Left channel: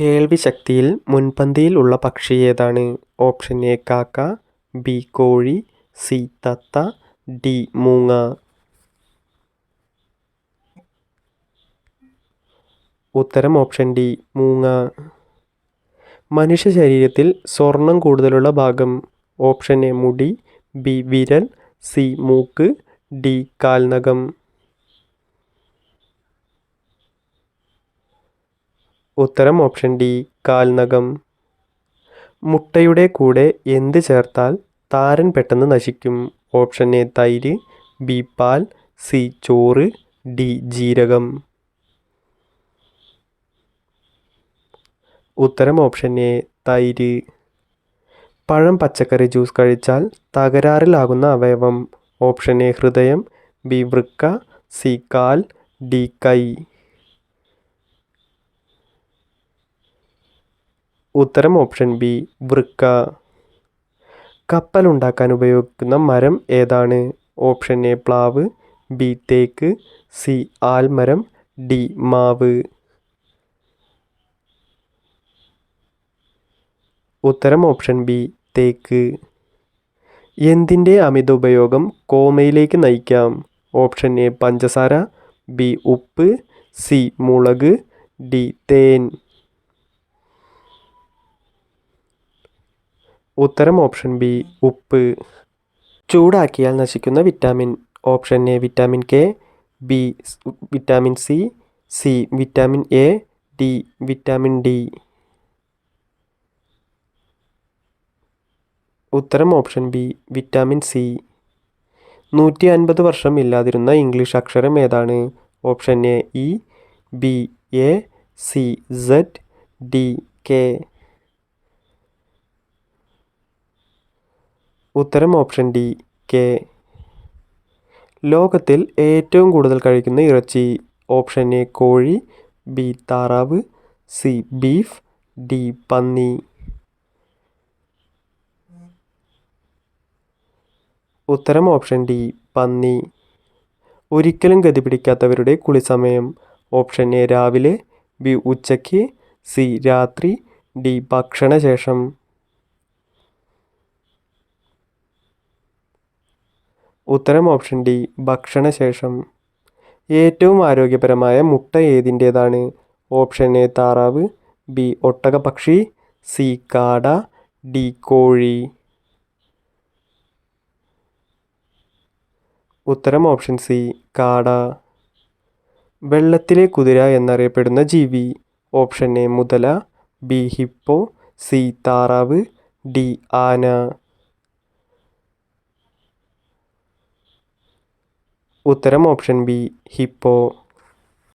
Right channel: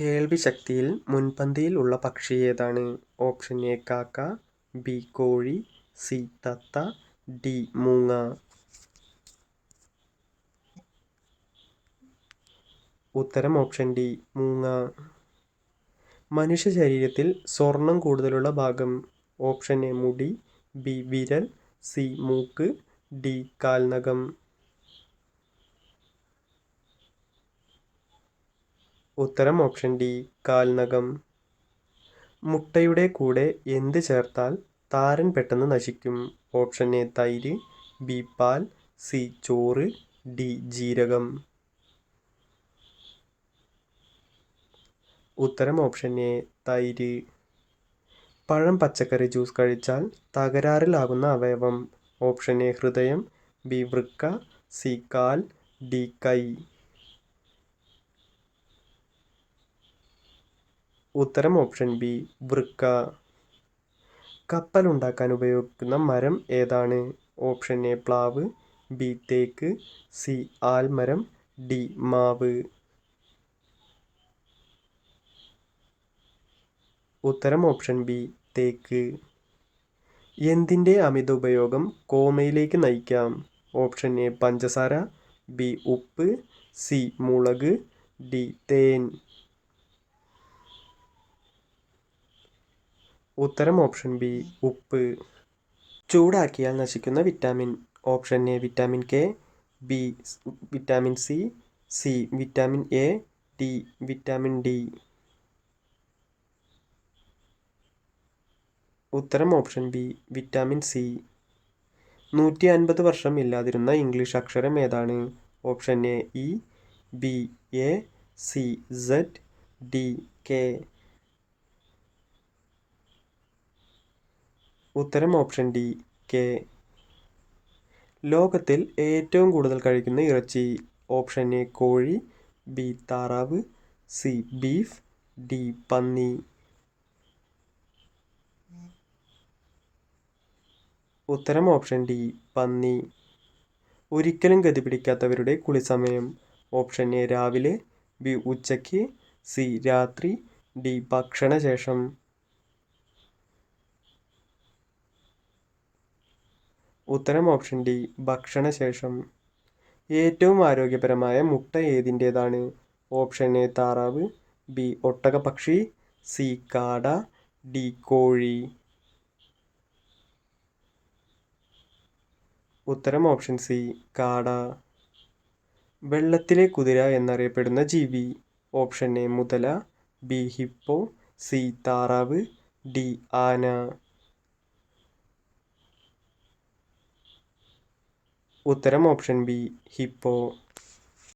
കേൾവിശക്തിയിൽ മുൻപന്തിയിൽ ഉള്ള പക്ഷി ഏതാണ്? ഓപ്ഷൻ എ കാക്ക ബി കോഴി സി തത്ത ഡി മൂങ്ങ. ഉത്തരം ഓപ്ഷൻ ഡി മൂങ്ങ. മനുഷ്യ ശരീരത്തിൽ സ്വർണം കൂടുതലുള്ള ഭാഗം ഓപ്ഷൻ എ മുടി ബി വിരൽ സി മൂക്ക് ഡി കാൽനഖം. ഉത്തരം ഓപ്ഷൻ ഡി കാൽനകം മുട്ടയുടെ കൂടെ എന്ത് ചേർത്താൽ താരൻ പെട്ടെന്ന് നശിക്കും? ഓപ്ഷൻ എ തൈര്. ബി പാൽ. സി ചോറ്. ഡി ജീരകം. ഉത്തരം ഓപ്ഷൻ എ തൈര്. പഴം പച്ചക്കറി ജ്യൂസ് കഴിച്ചാൽ തകരാറിലാകുന്ന അവയവം. ഓപ്ഷൻ എ ഹൃദയം. ബി വൃക്ക. സി കാൽ. ഡി കൈ. ഉത്തരം ഓപ്ഷൻ ബി വൃക്ക. കപ്പൽ ഉണ്ടാക്കാൻ ഉപയോഗിക്കുന്ന മരം ഏതാണ്? ഓപ്ഷൻ എ പ്ലാവ്. ബി തേക്ക്. സി ആൽമരം. ഡി മാവ്. ഉത്തരം ഓപ്ഷൻ ബി തേക്ക്. എന്തിന്റെ അമിത ഉപയോഗം കോമയിലേക്ക് നയിക്കാം? ഓപ്ഷൻ എ പഞ്ചസാര. ബി ഉപ്പ്. സി മുളക്. ഡി തേൻ. ഉത്തരം ഓപ്ഷൻ ബി ഉപ്പ്. ചൂടാക്കിയാൽ നശിക്കുന്ന vitamin option A vitamin K B vitamin C C vitamin A D vitamin D. ഉത്തരം ഓപ്ഷൻ ബി വിറ്റാമിൻ സി. നൂറ്റി അൻപത് വർഷം ഇല്ലാതിരുന്ന ഇംഗ്ലീഷ് അക്ഷരം ഏതാണ്? Option A E B A C Z D K. ഉത്തരം ഓപ്ഷൻ ഡി കെ. ലോകത്തിൽ ഏറ്റവും കൂടുതൽ കഴിക്കുന്ന ഇറച്ചി ഓപ്ഷൻ എ കോഴി ബി താറാവ് സി ബീഫ് ഡി പന്നി. ഉത്തരം ഓപ്ഷൻ ഡി പന്നി. ഒരിക്കലും ഗതി പിടിക്കാത്തവരുടെ കുളിസമയം ഓപ്ഷൻ എ രാവിലെ ബി ഉച്ചയ്ക്ക് സി രാത്രി ഡി ഭക്ഷണശേഷം. ഉത്തരം ഓപ്ഷൻ ഡി ഭക്ഷണശേഷം. ഏറ്റവും ആരോഗ്യപരമായ മുട്ട ഏതിന്റേതാണ്? ഓപ്ഷൻ എ താറാവ്. ബി ഒട്ടകപക്ഷി സി കാട. ഡി കോഴി. ഉത്തരം ഓപ്ഷൻ സി കാട. വെള്ളത്തിലെ കുതിര എന്നറിയപ്പെടുന്ന ജീവി. ഓപ്ഷൻ എ മുതല. B hippo. സി താറാവ്. ഡി ആന. ഉത്തരം ഓപ്ഷൻ ബി ഹിപ്പോ